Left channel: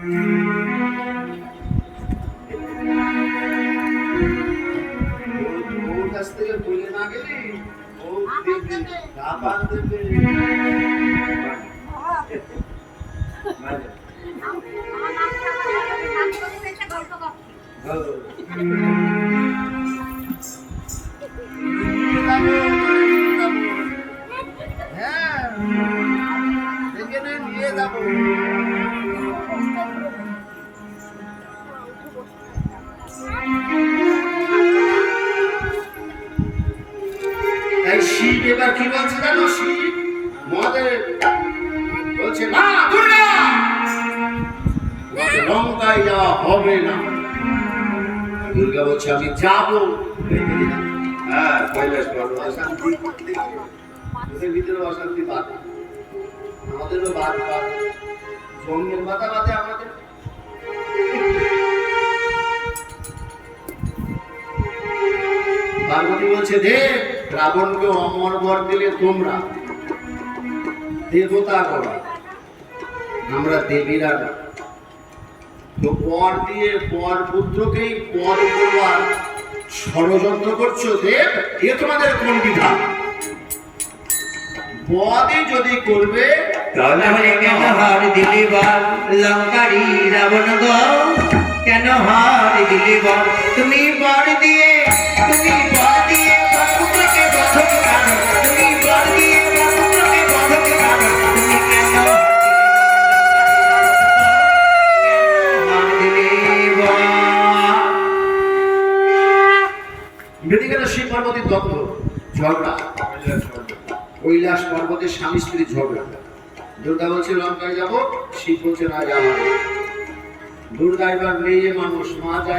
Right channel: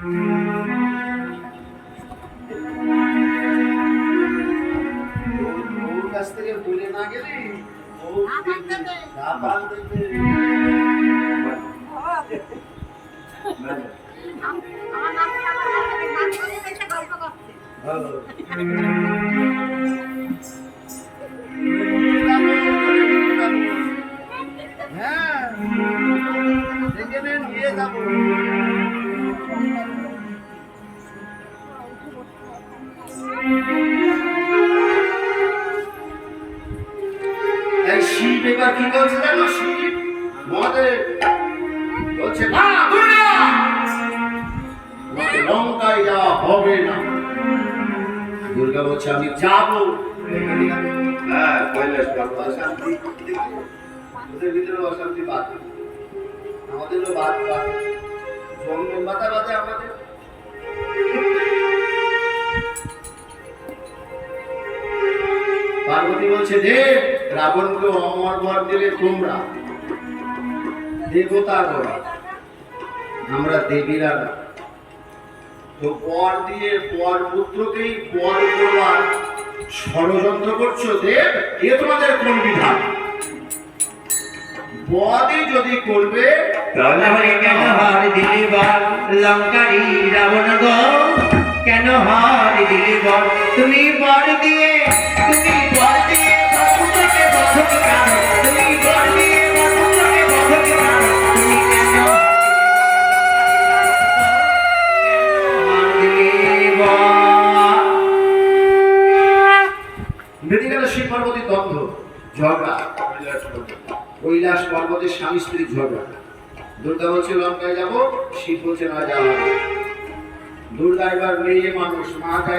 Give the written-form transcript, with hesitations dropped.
ওর কাছ থেকে বলে না গেলে ও দেবে দাবান দেবে। হ্যাঁ দেখে নিয়ে যাবো। শিব এবার কি বলছে জানো? শিব মহাদেব বলছে না, দুর্গা লঙ্কায় যাওয়া হবে না। দুর্গা বলছে আমি যাবো। হ্যাঁ কৈলাস পর্বত অশান্তি, ওদের ভিতরে অশান্তি বাদ, আমাদেরও বাদ বাদ, জন্ম বাধা বাদে আমাদের। পার্বতী বলছে দেব, রাবণকে অমর বর দিলে তোমরা দেবতা করা, আমরা দেবীরা না। তো পর দিয়ে পর পুত্রকেই পর করবার ষড়যন্ত্র করছো দেব, এ তোমাদের কোন বিধান? বদই যদি করবে তাহলে কেন হার দিলে বল লঙ্কারি রাবণ গো, কেন হার দিলে বল? তুমি বর দিয়ে পুত্রকে বধকে পারো, তুমি বর দিয়ে পুত্রকে বধকে পারো, তুমি কেন হার দিলে বল? বেরিয়ে গেল শিব পার্বতীর দ্বন্দ্ব, ঝগড়া, কৈলাস পর্বতের স্বামী স্ত্রীর ঝগড়া। দুর্গা বলছে লঙ্কায় যাবো, শিব বলছে না যাওয়া। দুর্গা এবার মেয়ে মানুষ, মা চায়